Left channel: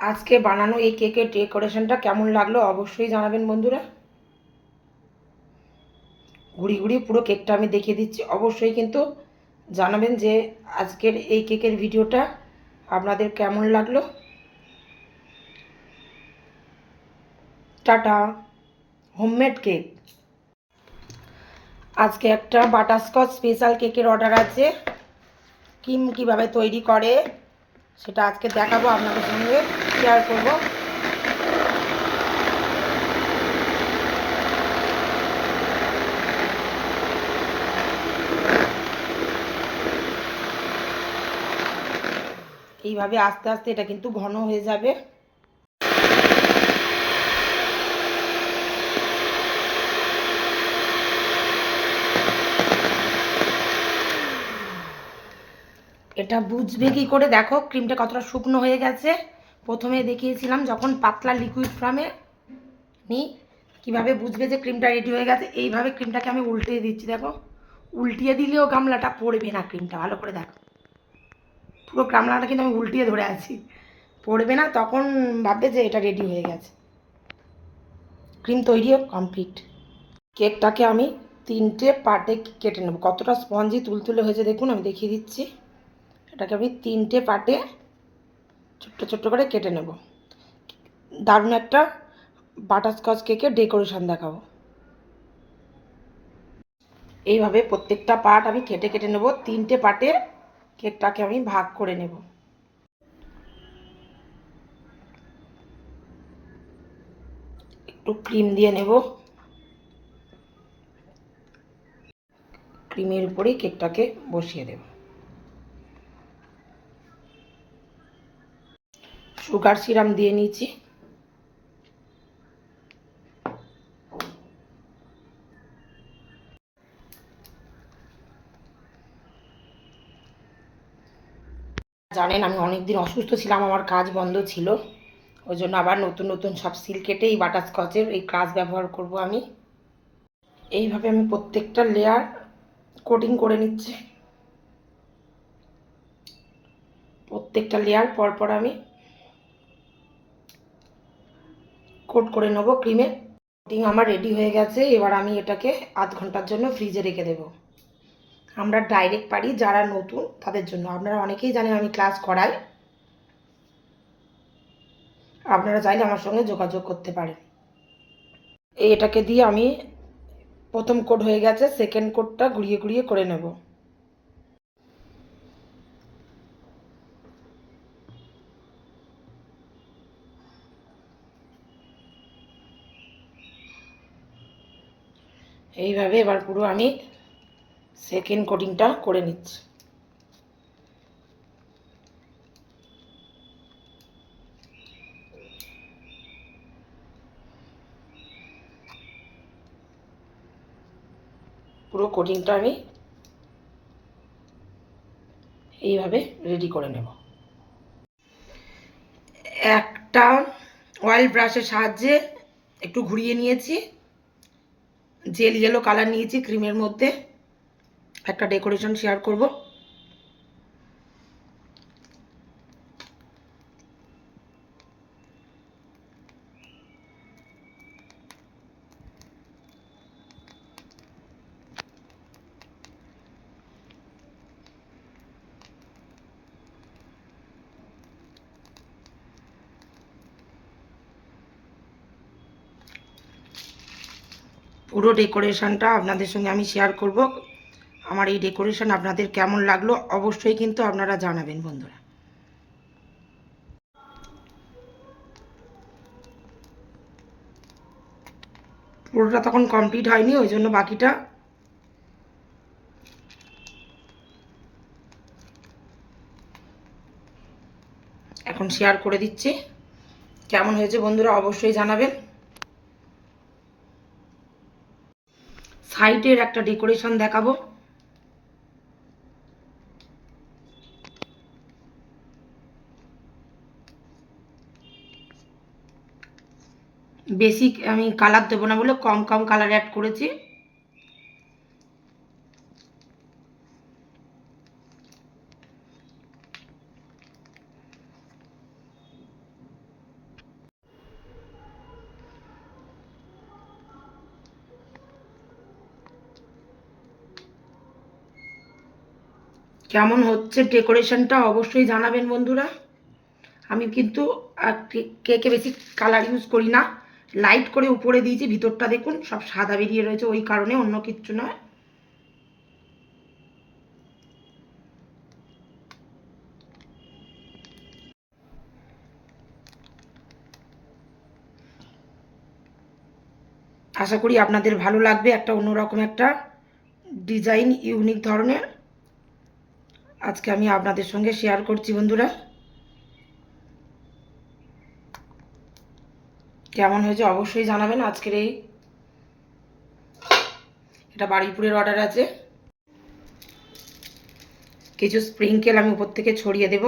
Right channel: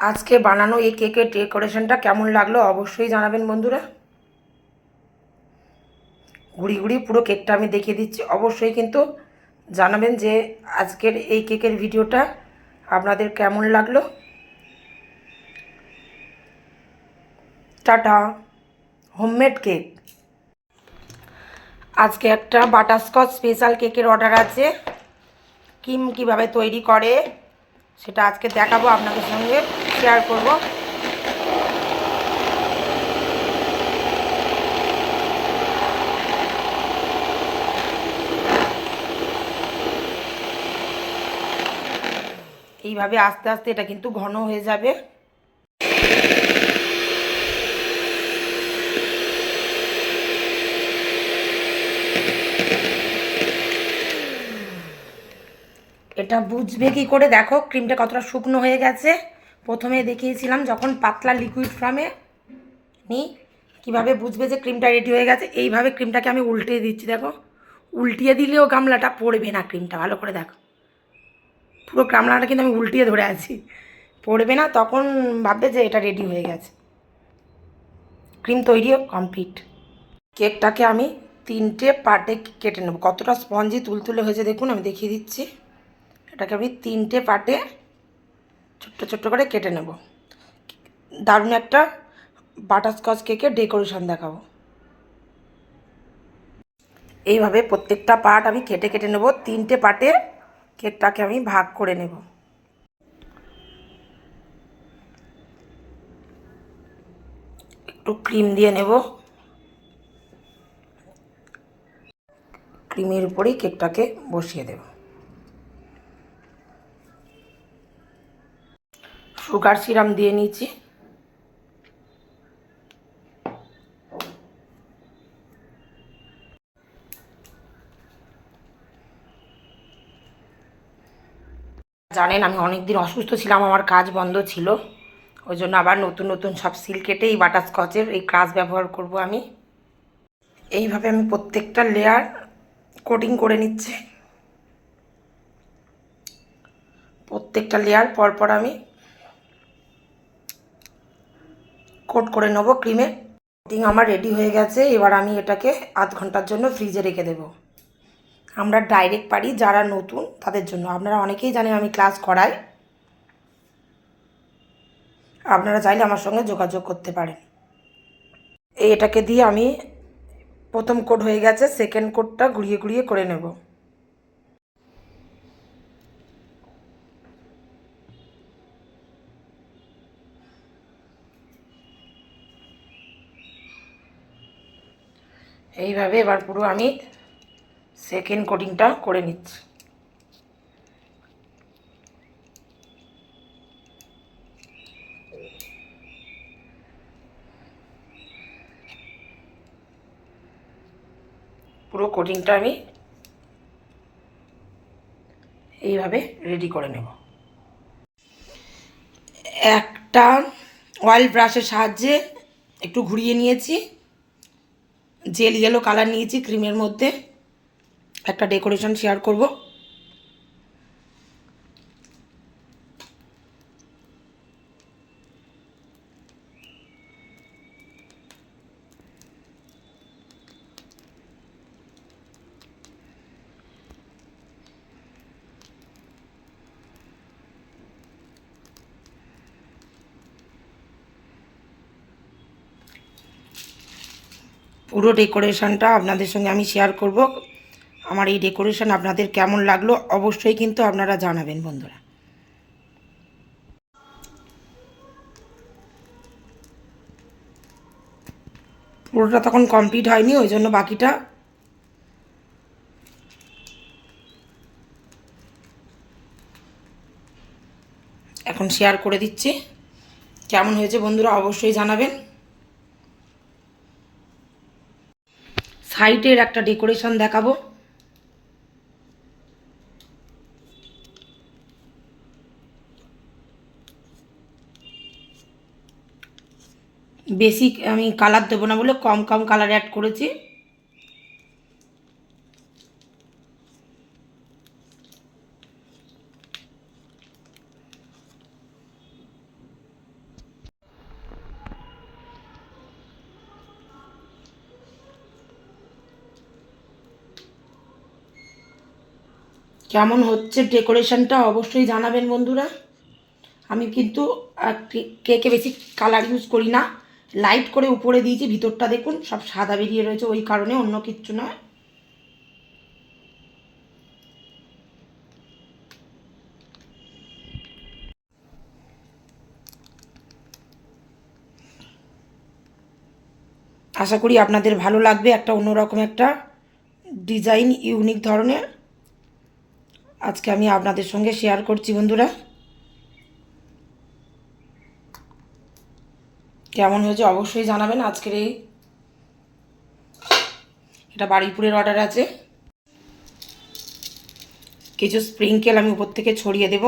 আজকে বানানো এই কেকের ডেকোরেশনটা কেমন লাগল অবশ্যই জানাবেন বন্ধুরা। ঘুরি ঘুরি পুরো কেকটা আমি দেখিয়ে দিচ্ছি। অবশ্যই কিন্তু জানাবেন যে আজকের এই কেকের ভিডিওটা আপনাদের কেমন লাগল। Tata, homemade cake. আজকে একটা বাটারস্কচ স্পেশাল কেকের অর্ডার আছে। কিম কীভাবে তৈরি করে সেটা আজকে দেখাবো, আপনাদের সঙ্গে শেয়ার করব। এইভাবে আস্তে আস্তে এটা কিন্তু ঘন হয়ে যাবে। এটা বুঝবে কি করে? দেখো ক্রিমটা কতটা শুকনো হয়ে গেছে। প্রথমে দেখিয়েছিলাম যখন পাতলা লিকুইড ফর্মে নিই কীভাবে বুঝবে যে ক্রিমটা রেডি হয়ে গেছে? এইভাবে ক্রিমটাকে আমি উল্টিয়ে দিচ্ছি, দেখো। উল্টিয়ে দিলেও গামলাটা পড়বে না ক্রিমটা ভালো করে দেখো। পুরো গামলাটা কিন্তু আমি উল্টিয়ে ধরে আছি। পড়বে না, তখন ভাববে যে এটা রেডি হয়ে গেছে। ক্রিম তৈরিও কমপ্লিট কেকটাকে আমি তিনটে পার্টে কেটে নেব। কতটা স্পঞ্জি তুলতুলে হয়েছে দেখুন, আমি দেখিয়ে দিচ্ছি। এটাকে আমি তিনটে পার্টে ছোট্ট ছোট্ট করে কেটে নেব। দারুণ একটা বাটারস্কচ কেকের ডেকোরেশন দেখাবো। এইভাবে প্রত্যেকটা পার্ট আমি কেটে কেটে নেব, তিনটে পার্টে কেকটাকে আমি ভাগ করে নেব। একটু ক্রিম দিয়ে নেব। ক্রিমের উপরেই কেকটাকে বসিয়ে দেব। সুগার সিরাম দিয়ে নিয়েছি জানেন, আমি অনেক দিন অসুস্থ ছিলাম, আমার কাজ বন্ধ ছিল। ওই জন্য আবার নতুন নতুন সব সিল কেটে এই বাটারস্কচের এই ক্রাশ ব্যবহার করব আমি। এইভাবে আমি প্রত্যেকটা লেয়ার কোটিং করে নিচ্ছি। প্রত্যেকটা লেয়ার পরপর আমি কোট করে নেব ক্রিমে। কোটিং আমার রেডি হয়ে গেছে, এবার আমি এটাকে আধ ঘণ্টার জন্য ফ্রিজে রেখে দেব। আমরা ডাইরেক্ট পারি যারা নতুন, তাদের জন্য। আপনারা অনেকেই জানেন আমি ক্লাস করাই। আপনারা চাইলে আমার সঙ্গে যোগাযোগ করতে পারেন। এটাকে দিয়ে আমি প্রথম কোড হয়ে গেছে সেকেন্ড কোডটা ঘুরিয়ে ঘুরিয়ে করে নেব। এইভাবে এবার পুরো আমি সেকেন্ড কোটিংটা করে নিচ্ছি। পুরো কোটিংটা আমি এইভাবে রেডি করে নেব। একটা অয়েল ব্রাশের সাহায্যে একটু ঘুরিয়ে নিয়েছি। জেল ইয়েলো কালার নিয়েছি ক্রিমের মধ্যে একটা ডেকোরেশন শেয়ার করব। পুরো ডেকোরেশনটা আপনাদের সঙ্গে আমি শেয়ার করব। আমার এই ডেকোরেশন আপনাদের কেমন লাগল অবশ্যই কিন্তু আপনারা জানাবেন বন্ধুরা। পুরোটা তখন কমপ্লিট হয়নি, ওই জন্য বাকিটা এখন শেয়ার করে দিচ্ছি। কেমন হয়েছে বন্ধুরা অবশ্যই জানাবেন। সাইডের একটা ডেকোরেশন দেখাবো। বেশি আমি কালার দেবো না বলে কম কম কালার অ্যাড করেছি। কেমন হচ্ছে ডেকোরেশনটা অবশ্যই জানাবেন বন্ধুরা। আমি কিন্তু কেকে বেশি কালার ইউজ করি না। লাইট করে উপরে দিয়েছি, ভিতরটা দেখুন, সব সাদা বেরিয়ে রয়েছে, ওই কারণে অন্য কিচ্ছু নয়। আশা করি আপনাদের ভালো লাগবে, একটা অন্যরকম একটা ডিজাইন ইউনিক ধরনের। আজকে আমি আপনাদের সঙ্গে শেয়ার করছি, বন্ধুরা। কেমন হয়েছে অবশ্যই জানাবেন আজকের এই। এটা বাড়িপুরের অর্ডার আছে। কিছু স্প্রিংকেল আমি উপর থেকে ছড়িয়ে দেব।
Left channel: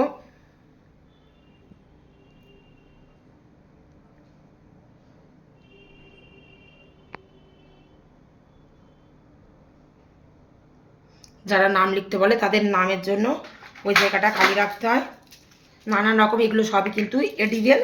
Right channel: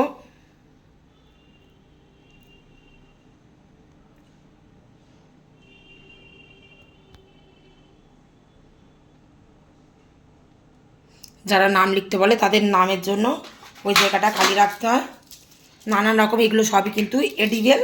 যারা নাম লিখতে বলে তাদের নামের জন্য ওই জায়গাটা খালি রাখতে হয়। নানান রকম এগুলো সবই কিন্তু এডিবেল